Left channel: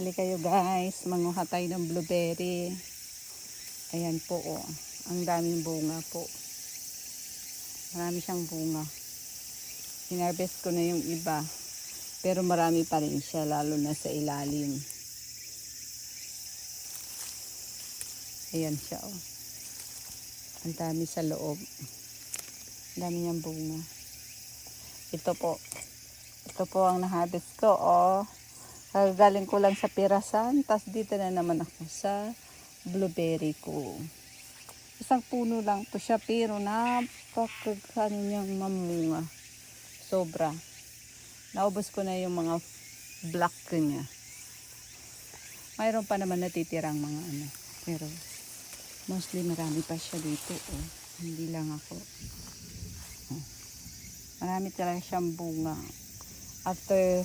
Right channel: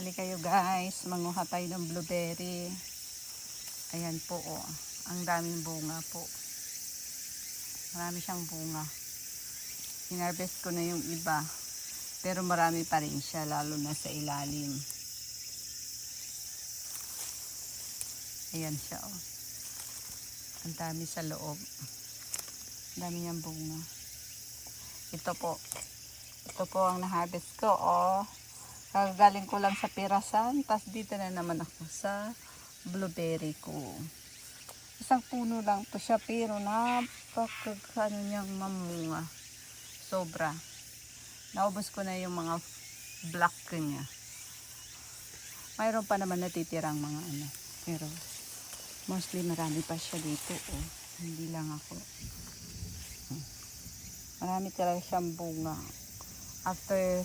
Halika kayo guys, manguha tayo ng blueberry. Ayan po oh. Ang daming bunga po. Marami siyang bunga. Hinarvest ko na yung iba. Pero marami pa rin siya, lalo na sa ilalim. Ayan siya oh. Ang dami sa loob. Ang dami niyang bunga. Ito po. Ito po ang na-harvest ko oh. Galing ko lang sa pirasan, tas dito na naman ako sa blueberry ko. Isang puno lang po siya, pero napakagano niyang mamunga. Sobra. Naubos ko na yung mga black niya. Mayroon pa naman natitirang mga ano. Pero mostly marami pa siya dito. Oh. Hindi lang ako. Marami talaga siyang bunga. After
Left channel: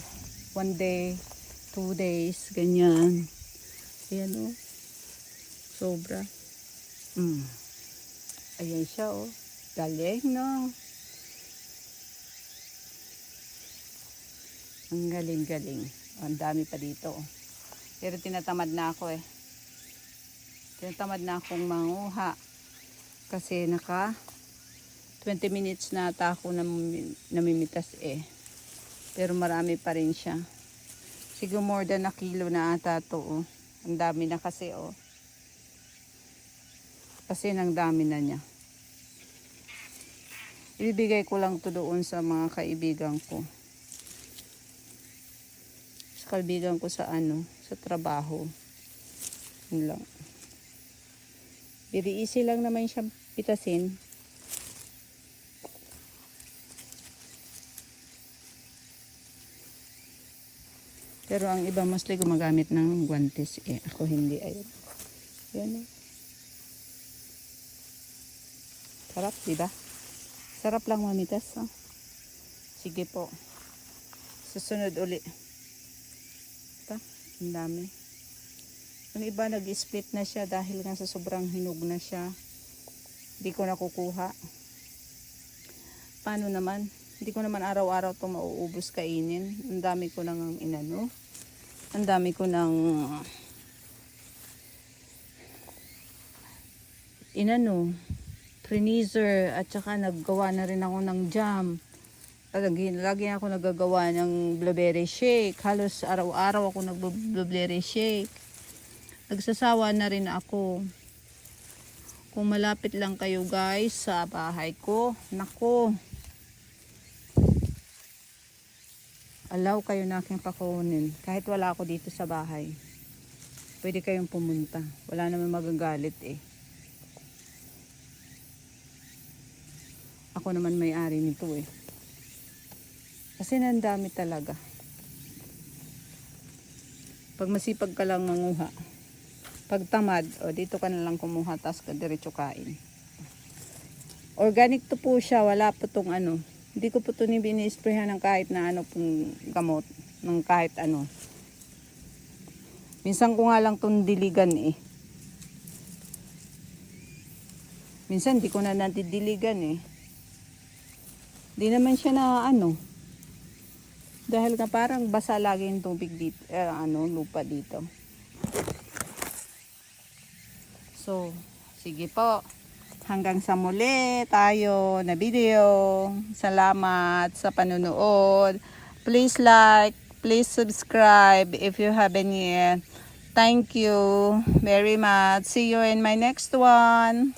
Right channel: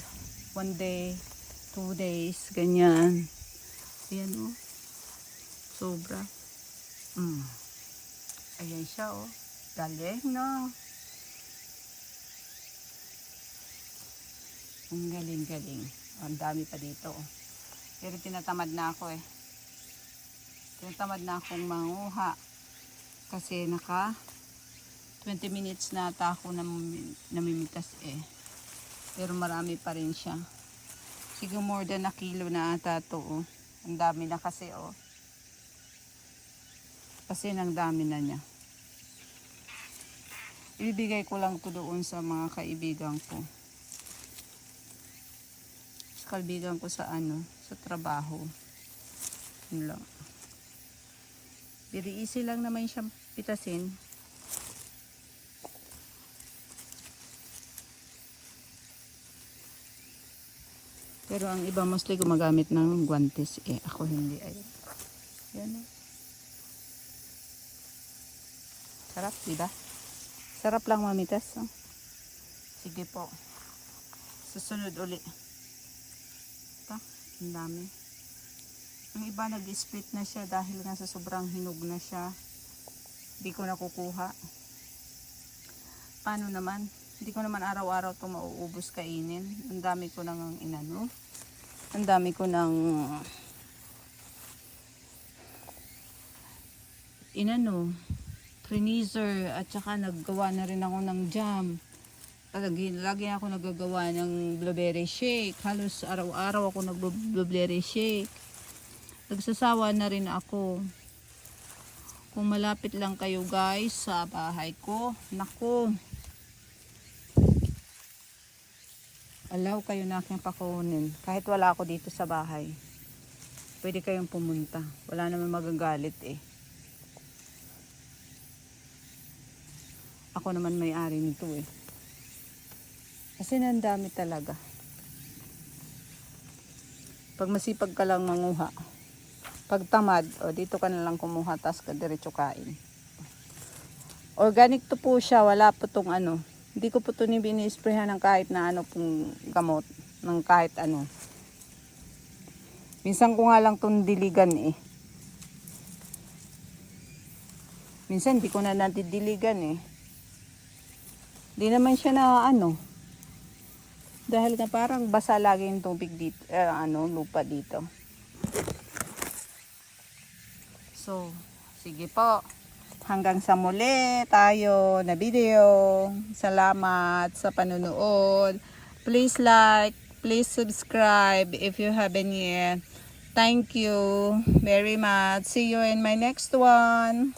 1 day, 2 days, ganyan. Ayan o. Oh. Sobra. Ayan siya o. Oh. Galing na. Ang galing-galing. Ang dami pa dito. Pero tinatamad na ako eh. Tinatamad na akong manguha. Kasi naka 20 minutes na ata ako namimitas eh. Pero marami pa rin siya. Siguro more than a kilo na ata to oh. Ang dami na kasi oh. Kasi nang dami na niya. Ibibigay ko lang to doon sa mga kaibigan ko. Sa kaibigan ko sa ano, sa trabaho. Yun lang. Very easy lang naman siyang pitasin. Pero ang iba mostly gumagamit ng guantes eh. Ako hindi. Ayun. Yan eh. Sarap, diba? Sarap lang mamitas. Oh. Sige po. Susunod uli. Ito. Ang dami. Ang iba nag-split na siya dahil nga sa sobrang hinog na siya. Hindi ko nakukuha. Paano naman? Hindi ko naman araw-araw itong mauubos kainin. Ang dami ko nang inano. Ang dami ko nang inano. Trinizer. At saka naggawa na rin ako ng jam. Lagi ako nagagawa ng blueberry shake. Halos araw-araw ako nag-blueberry shake. Nagsasawa na rin ako. Kung malapit lang kayo guys sa bahay ko. Nako. Allow kayo na aking pakunin. Kahit wala ako dito sa bahay. Pwede kayong pumunta. Wala naman magagalit eh. Ako naman may-ari nito eh. Kasi nandami talaga. Pag masipag ka lang manguha. Pag tamad, o dito ka na lang kumuha. Tapos ka diretso kain. Organic to po siya. Wala po tong ano. Hindi ko po ito bini-sprayhan ng kahit na ano pong gamot. Ng kahit ano. Minsan ko nga lang itong diligan eh. Minsan hindi ko na natidiligan eh. Hindi naman siya na ano. Dahil nga parang basa lagi yung tubig dito. Lupa dito. So, sige po. Hanggang sa muli tayo na video. Salamat sa panonood. Please like, please subscribe if you haven't yet. Thank you very much. See you in my next one.